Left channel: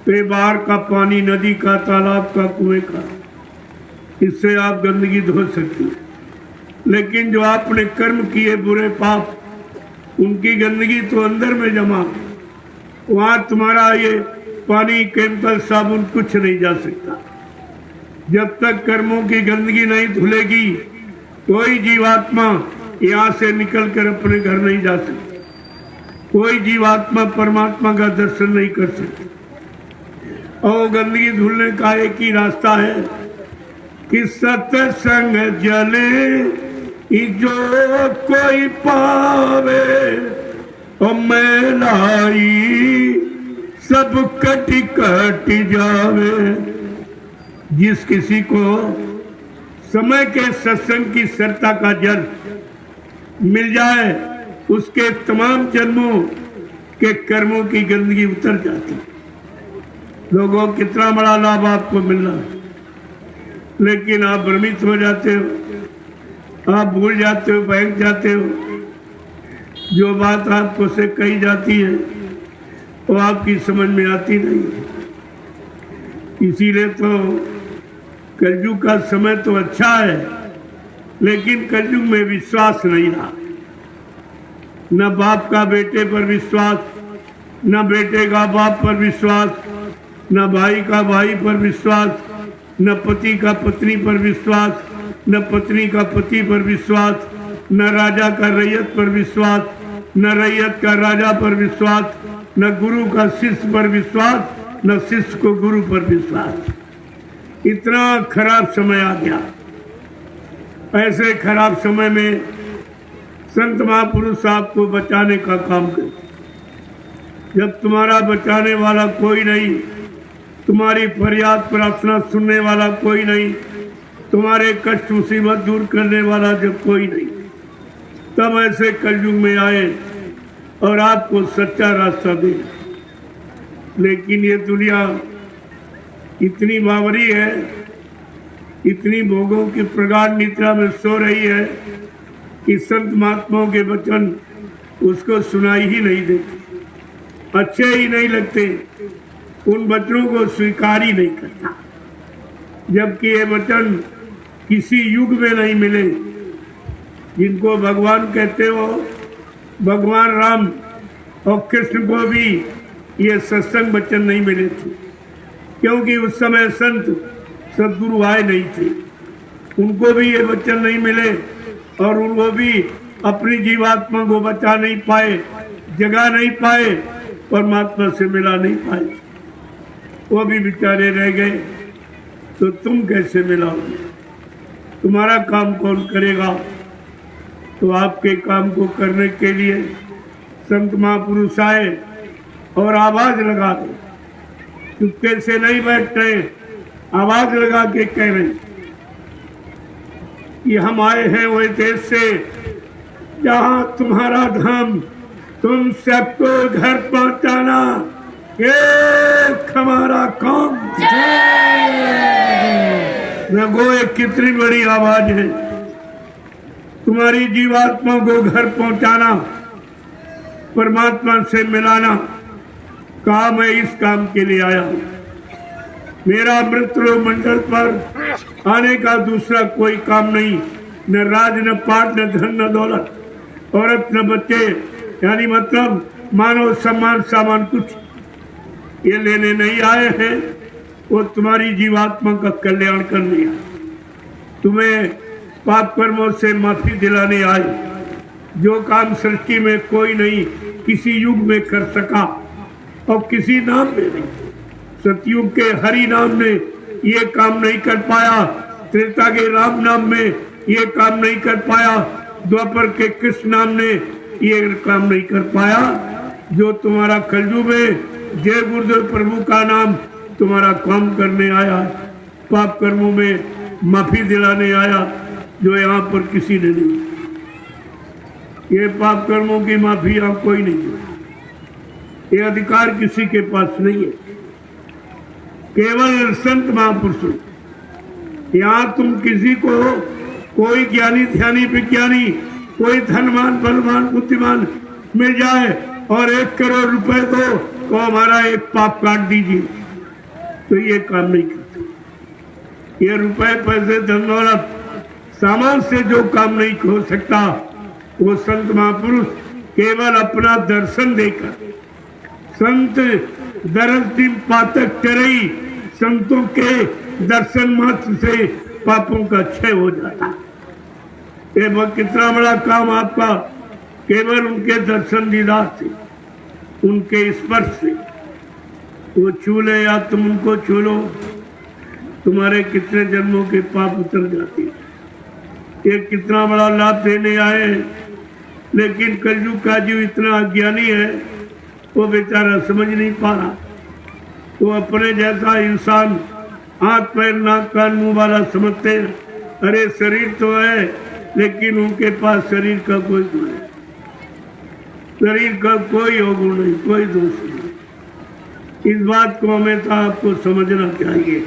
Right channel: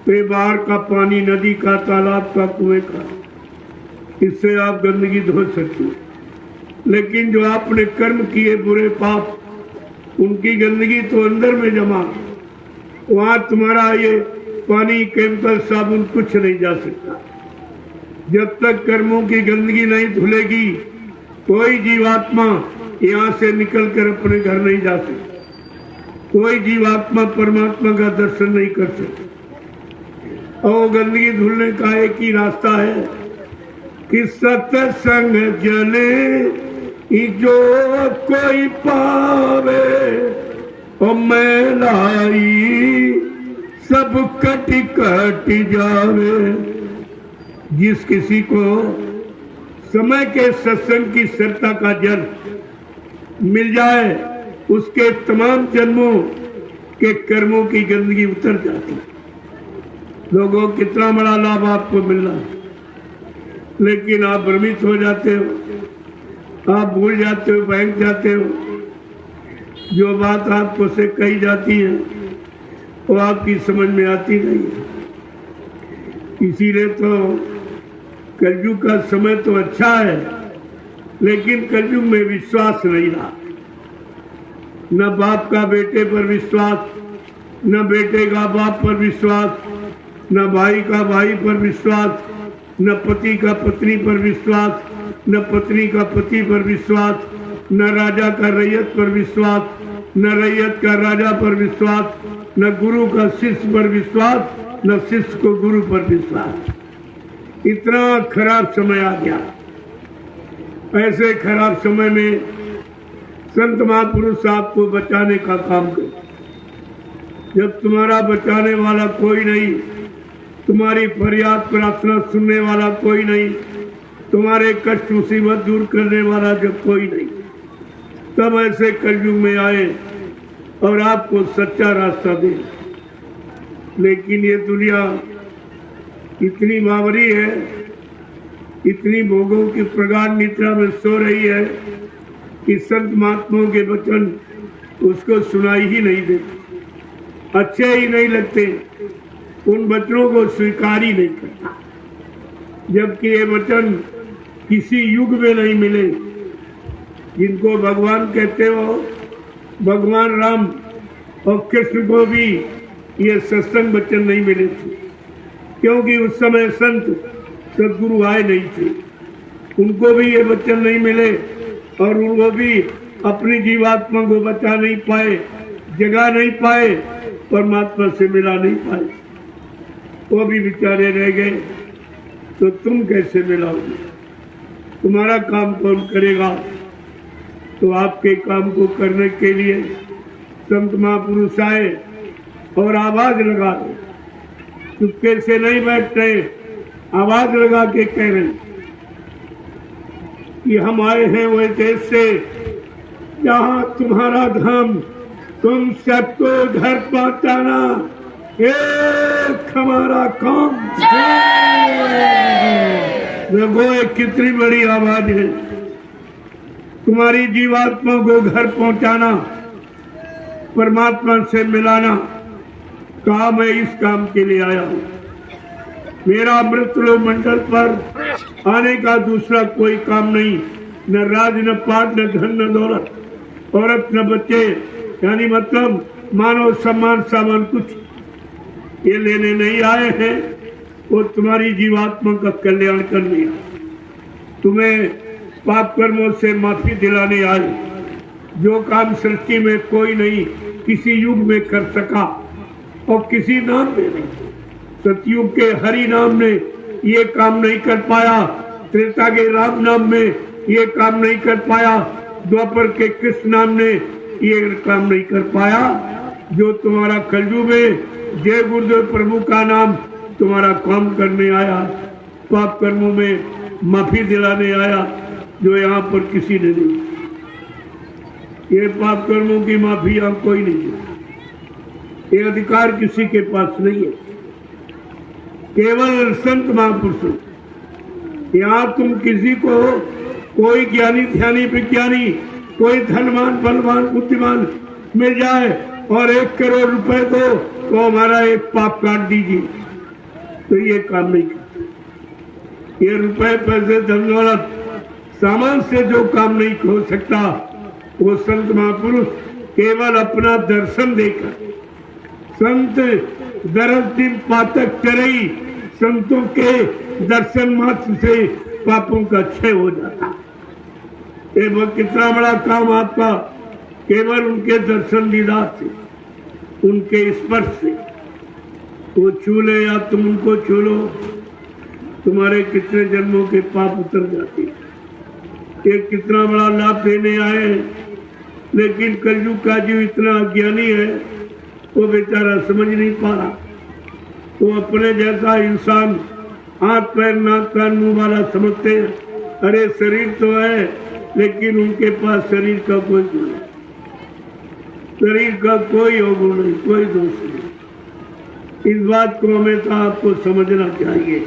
तो बाहर का पानी, नदी का, तालाब का, कुएं का, इससे आप गंदगी धो सकते हो। लेकिन जो आपने कर्म किए बुरे पाप, उनकी गंदगी तो अंदर में जमा, वहां तुम्हारा ये पानी, केमिकल, साबुन कुछ नहीं जा सकता। जब तक कर्मों की गंदगी नहीं धुलेगी, कोई जीवात्मा यहाँ से निकलकर अपने घर नहीं जा सकता। कोई जीवात्मा परमात्मा का दर्शन नहीं कर सकता। और गंदगी धुलने का एक ही रास्ता है कि सत्संग जले जो कोई पावे, और मैलाई सब कटी कटी जावे। जिस किसी को समय के सत्संग की सरता का जल मिल जाए, उसके तमाम जन्मों के कर्मों की गंदगी उतर जाती। लोगों, कितना बड़ा लाभ आपको मिल रहा है, लेकिन आप भ्रमित हो जाते हो, आप भूल जाते हो, बहक जाते हो। जो बात आपको से कही जाती है वो आपकी समझ में आती नहीं है। इसीलिए तो कलयुग का समय तो अच्छा है, लेकिन कलयुग में विश्वास नहीं रहा। न बाप का बेटे पर विश्वास, न बेटे का बाप पर विश्वास, न भाई का भाई पर विश्वास, न पति का पत्नी पर विश्वास, न पत्नी का पति पर विश्वास, न राजा का रैयत पर विश्वास, न रैयत का राजा पर विश्वास, न गुरु का शिष्य पर विश्वास, न शिष्य को गुरु पर विश्वास। इतना खराब समय आ गया। ऐसे खराब समय में संत महापुरुष आपको बचाने का काम करे। जब तुम्हारा बचाने वाला कोई नहीं, तुम्हारी फरियाद प्रार्थना सुनने वाला कोई नहीं, तुम्हारे कष्ट मुसीबत दूर करने वाला जब कोई नहीं, तब ऐसे कलयुग में आए और आपको सच्चा रास्ता दे। लेकिन ये दुनिया इतनी बावरी है, इतनी भोगों की प्रगाढ़ निद्रा में सो रही है कि संत महात्माओं के वचन उसको सुनाई ही नहीं देते, अच्छे ही नहीं लगते, उन वचनों को स्वीकार ही नहीं करता। जबकि ये वचन किसी युग में नहीं मिले। जिनको भगवान कहते हो, भगवान राम और कृष्ण को भी ये सत्संग वचन नहीं मिले थे, क्योंकि उस समय संत सदगुरु आए नहीं थे। उनको भी ये वचन नहीं मिले और वो भी अपनी जीवात्मा को बचा नहीं पाए, जगा नहीं पाए, परमात्मा से मिला नहीं पाए। वो भी बेचारे रह गए। तो तुम कैसे मिलाओगे? तुम्हारा काम कौन करेगा? तो आपके काम को करने के लिए संत महापुरुष आए और आवाज लगा रहे, चुपके से नहीं बैठ रहे, आवाज लगा के कह रहे कि हम आए हैं वह देश से जहां तुम्हारा धाम, तुम सबको घर पहुंचाना एक हमारा काम। देखो ये कितनी बड़ी आवाज है। तुम्हारी जीवात्मा को घर पहुंचाना, परमात्मा से मिलाना काम है। इस काम के लिए आया हूं। मेरा अमृतलोक मंडल पर आने का दूसरा कोई काम नहीं, न राज, न पाट, न धन, न दौलत, औरत, न बच्चे, यानी मतलब मानव सम्मान सामान कुछ ये लेने नहीं आए हैं। वो तुम्हारी जीवात्मा का कल्याण करने, तुम्हें पाप कर्मों से माफी दिलाने आए। जो काम सृष्टि में कोई नहीं किसी युग में कर सका और किसी नाम में नहीं। सतयुग के हरि नाम ने ये काम नहीं कर पाया, त्रेता के राम नाम में ये काम नहीं कर पाया, द्वापर के कृष्ण नाम ने ये काम नहीं कर पाया। जो तुम्हारा कलयुग में जय गुरुदेव प्रभु का नाम तुम्हारा काम करने आया, पाप कर्मों में माफी दिलाने आया, जो यहाँ पर किसी ने नहीं। ये पाप कर्मों की माफी यहाँ कोई नहीं है, ये अधिकार किसी के पास नहीं है, केवल संत महापुरुषों। यहाँ तुम किसी को, कोई ज्ञानी ध्यानी विज्ञानी, कोई धनवान बलवान बुद्धिमान मिल जाए और 1 करोड़ रुपए दो तो हमारा एक पाप काट दीजिए, तो ये काम नहीं करते। ये रुपए पैसे धन दौलत सामान से जो काम नहीं हो सकता, वो संत महापुरुष केवल अपना दर्शन देकर, संत दरस्ती पातक करई, संतों के दर्शन मात्र से पापों का क्षय हो जाता। ये कितना बड़ा काम आपका, केवल उनके दर्शन दीदार से, उनके स्पर्श से, वो छू ले या तुम उनको छू लो, तुम्हारे कितने जन्मों के पाप उतर जाते। ये कितना बड़ा लाभ देने आए हैं, लेकिन कलयुग का जीव इतना अज्ञानी है, वो बेचारा समझ नहीं पा रहा। वो अपने जैसा इंसान हाथ पैर नाक कान मुंह वाला समझते हैं। अरे शरीर तो है, लेकिन उनके पास शरीर का कोई गुण नहीं, शरीर का कोई अवगुण नहीं, कोई दोष नहीं। इस बात को हमें तो आपको समझना चाहिए।